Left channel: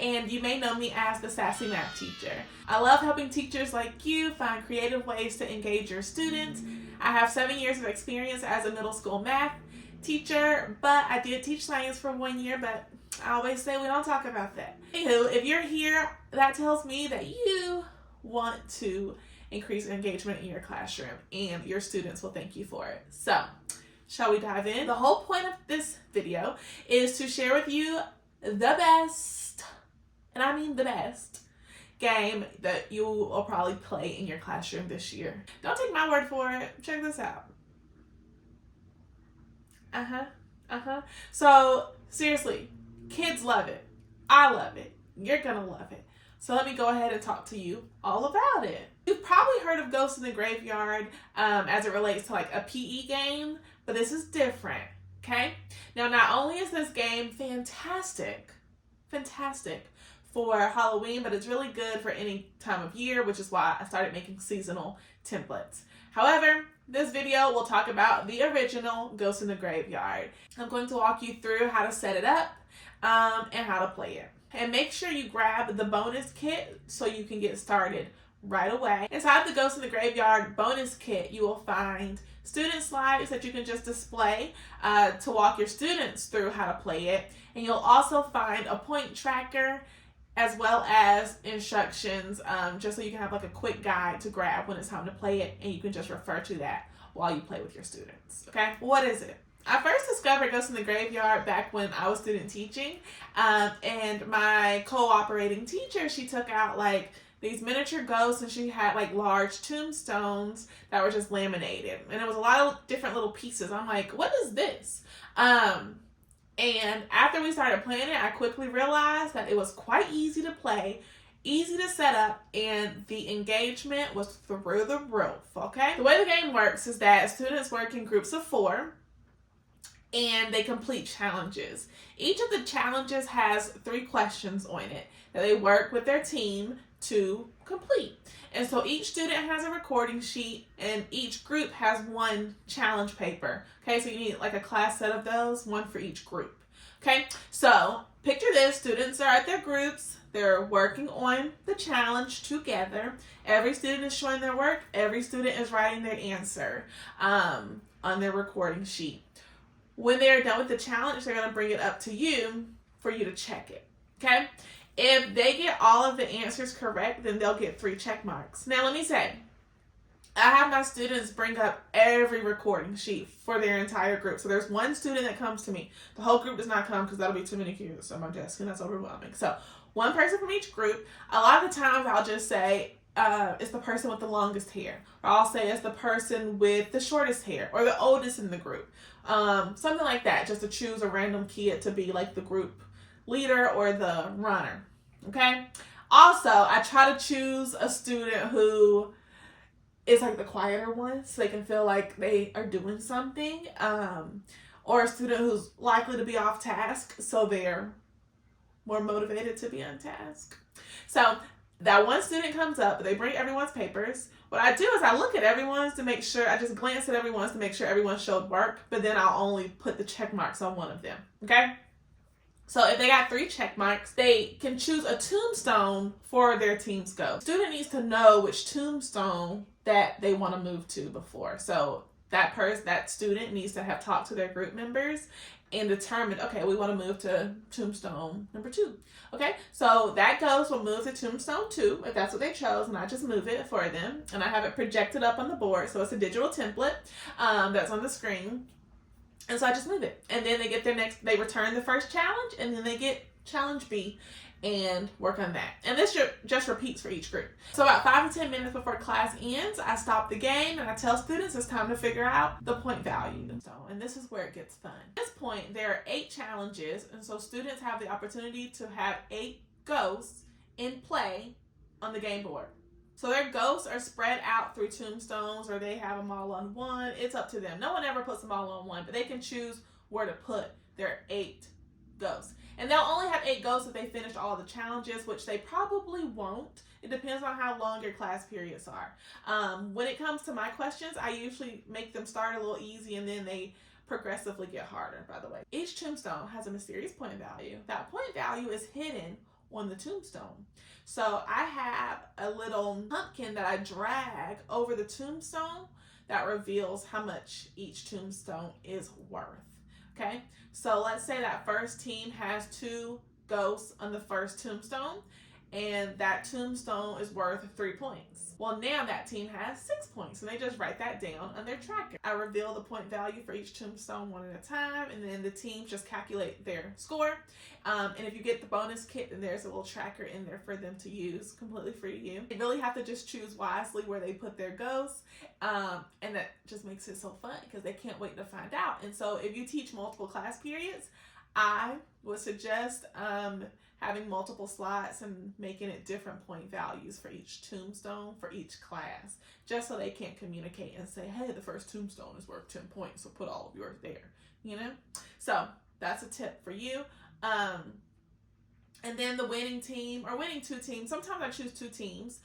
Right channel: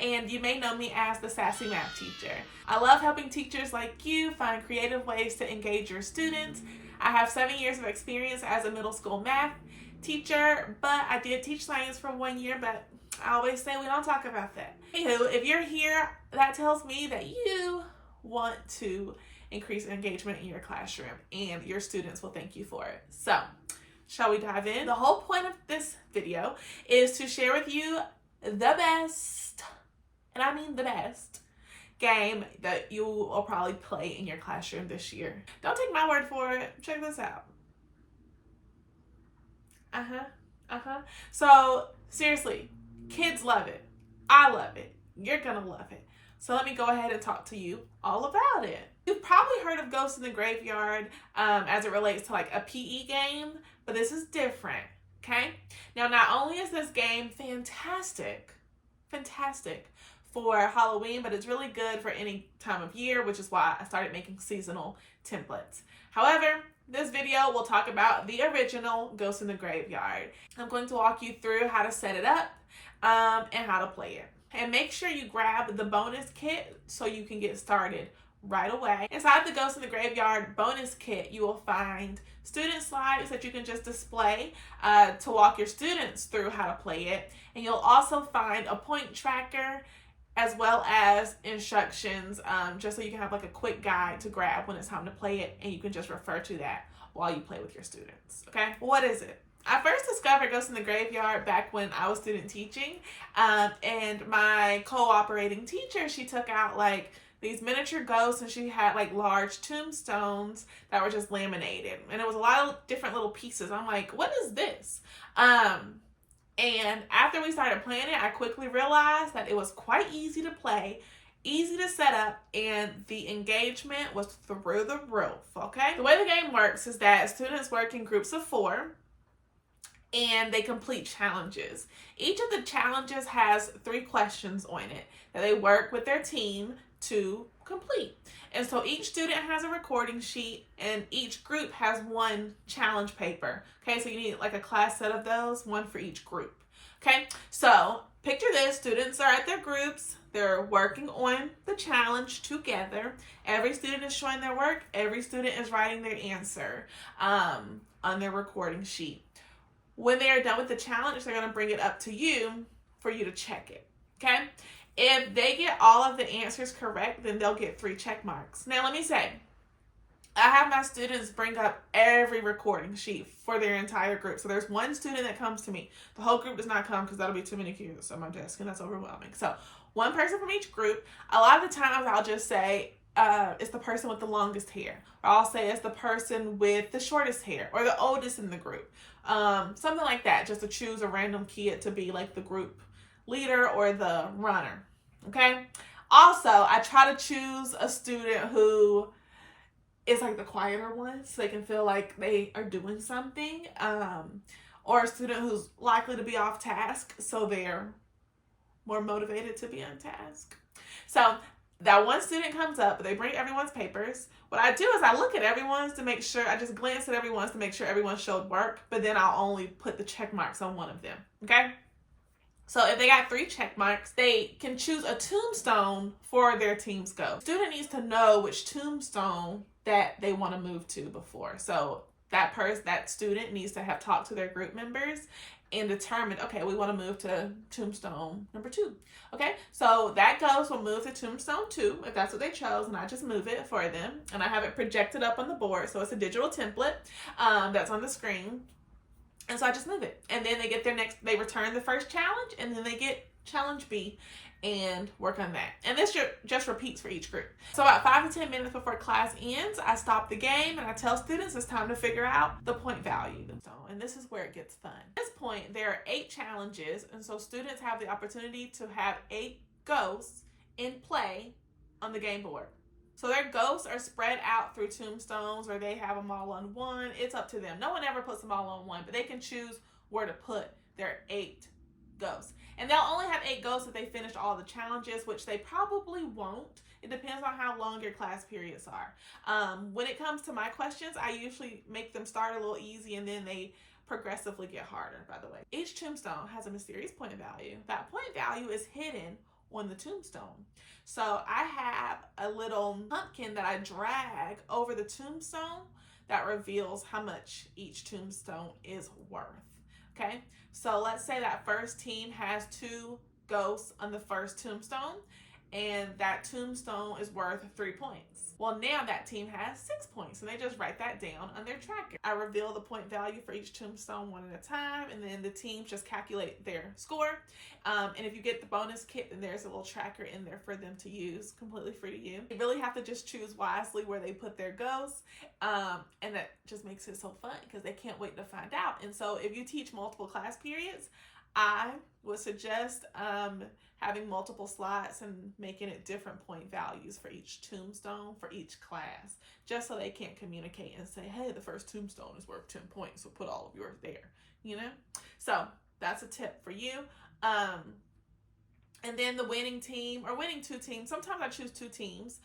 and you may know me as the Sassy Math Teacher. I love helping teachers like you find creative ways to engage your students. I have 7 years of experience as a middle school math teacher, but I did teach science for 1 year, but I always say we don't talk about that. Anywho, if you're here, that tells me that you want to increase engagement in your classroom, and your students will thank you for it. So, shall we dive in? The whole point of this video is to share with you the best, and I mean the best, game that you will probably play in your classroom this year. Don't take my word for it. Check this out. So, seriously, kids love it. I love it. You're gonna love it. So let me go ahead and talk to you all about it. You've probably heard of Ghosts in the Graveyard as it relates to like a PE game, but this is different, okay? Now, not only is this game fantastic for Halloween, but it's really good for any time of year, which is why I started making seasonal templates. However, this video will talk about the original Ghosts in the Graveyard. I'm going to walk you through how to set it up and how to play it. And make sure you grab the bonus kit so you can get started right away. Inside the Ghosts in the Graveyard bonus kit, you will find student slides that you can just display to walk your students through how to play it. And you'll also find a point tracker as well as instructions just so you can have like a quick guide to grab when it's time to play it, and you can just refer to that while you play with your students, okay? What is it? I first discovered Ghosts in the Graveyard back when I was student teaching, and my cooperating teacher, she took out like these miniature ghosts, and she had like large tombstones that were just laminated, and it was a lot of different little pieces. I'm like, what is this? And after we started playing it, I quickly realized that it was quite easy to play, easy to set up, and the engagement was through the roof, okay? The way the game works is that students work in groups of 4, and they complete challenges. Each of the challenges has 3 questions on it that they work with their team to complete. And so each student has a recording sheet, and each group has 1 challenge paper. Okay, so you need like a class set of those, 1 for each group. Okay, so picture this, students are at their groups, they're working on the challenge together. Every student is showing their work, every student is writing their answer on their recording sheet. When they are done with the challenge, they're going to bring it up to you for you to check it, okay? If they get all of the answers correct, then they'll get 3 check marks. Now, let me say, I have my students bring up every recording sheet for their entire group. So there's 1 student that comes to me. The whole group does not come because that'll be too many kids on my desk, and that's overwhelming. So 1 person from each group. A lot of the times I'll just say, it's the person with the longest hair. Or I'll say it's the person with the shortest hair, or the oldest in the group. Something like that, just to choose a random kid to be like the group leader or the runner, okay? Also, I try to choose a student who is like the quieter one, so they can feel like they are doing something, or a student who's likely to be off task, so they're more motivated to be on task. So that 1 student comes up, they bring everyone's papers. What I do is I look at everyone's to make sure, I just glance at everyone's to make sure everyone showed work, but then I'll only put the check marks on 1 of them, okay? So if they got 3 check marks, they can choose a tombstone for their team's go. Student needs to know which tombstone that they want to move to before. So that student needs to have talked to their group members and determined, okay, we want to move to tombstone number 2. Okay, so that ghost will move to tombstone 2 if that's what they chose, and I just move it for them, and I have it projected up on the board, so it's a digital template that's on the screen, and so I just move it, and then they get they return the first challenge, and then they get challenge B and work on that. And this just repeats for each group. So about 5 to 10 minutes before class ends, I stop the game and I tell students it's time to figure out the point value. So, and this is where it gets fun. At this point, there are 8 challenges, and so students have the opportunity to have 8 ghosts in play on the game board. So their ghosts are spread out through tombstones, or they have them all on 1. It's up to them. No one ever puts them all on 1, but they can choose where to put their 8 ghosts. And they'll only have 8 ghosts if they finish all the challenges, which they probably won't. It depends on how long your class periods are. When it comes to my questions, I usually make them start a little easy, and then they progressively get harder, by the way. Each tombstone has a mysterious point value. That point value is hidden on the tombstone. So I have a little pumpkin that I drag over the tombstone that reveals how much each tombstone is worth. Okay, so let's say that first team has 2 ghosts on the first tombstone, and that tombstone is worth 3 points. Well, now that team has 6 points, and they just write that down on their tracker. I reveal the point value for each tombstone one at a time, and then the teams just calculate their score. And if you get the bonus kit, then there's a little tracker in there for them to use, completely free to you. They really have to just choose wisely where they put their ghosts, and that just makes it so fun because they can't wait to find out. And so if you teach multiple class periods, I would suggest having multiple slots and making it different point values for each tombstone for each class, just so they can't communicate and say, hey, the first tombstone is worth 10 points, so put all of yours there, you know? So that's a tip for you. And then the winning team, or winning 2 teams, sometimes I choose 2 teams.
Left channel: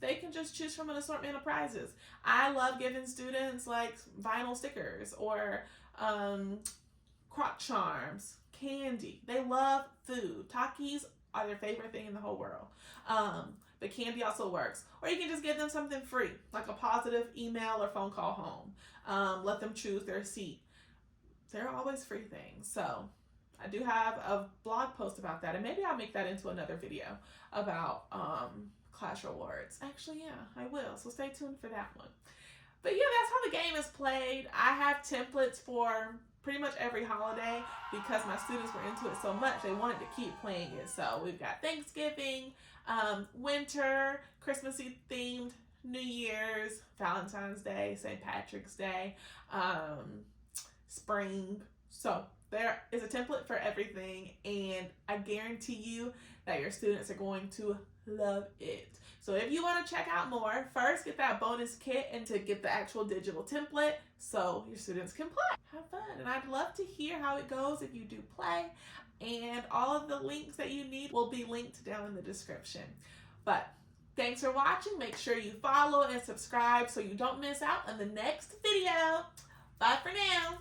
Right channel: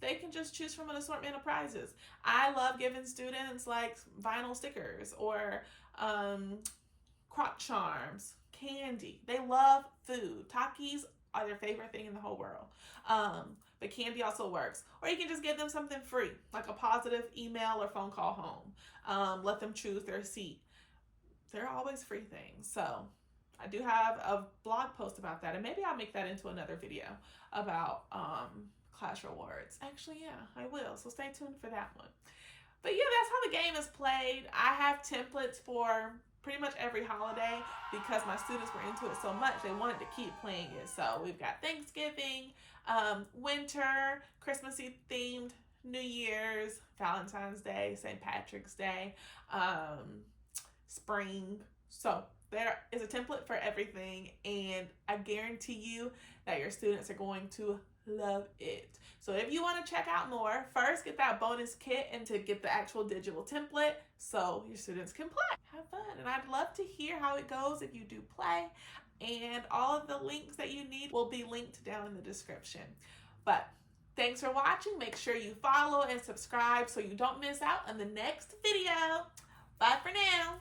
They can just choose from an assortment of prizes. I love giving students like vinyl stickers or crock charms, candy. They love food. Takis are their favorite thing in the whole world. But candy also works. Or you can just give them something free, like a positive email or phone call home. Let them choose their seat. They're always free things. So I do have a blog post about that, and maybe I'll make that into another video about class rewards. Actually, yeah, I will. So stay tuned for that one. But yeah, that's how the game is played. I have templates for pretty much every holiday because my students were into it so much they wanted to keep playing it. So we've got Thanksgiving, winter, Christmassy themed, New Year's, Valentine's Day, St. Patrick's Day, spring. So there is a template for everything, and I guarantee you that your students are going to love it. So if you want to check out more, first get that bonus kit and to get the actual digital template so your students can play. Have fun. And I'd love to hear how it goes if you do play. And all of the links that you need will be linked down in the description. But thanks for watching. Make sure you follow and subscribe so you don't miss out on the next video. Bye for now.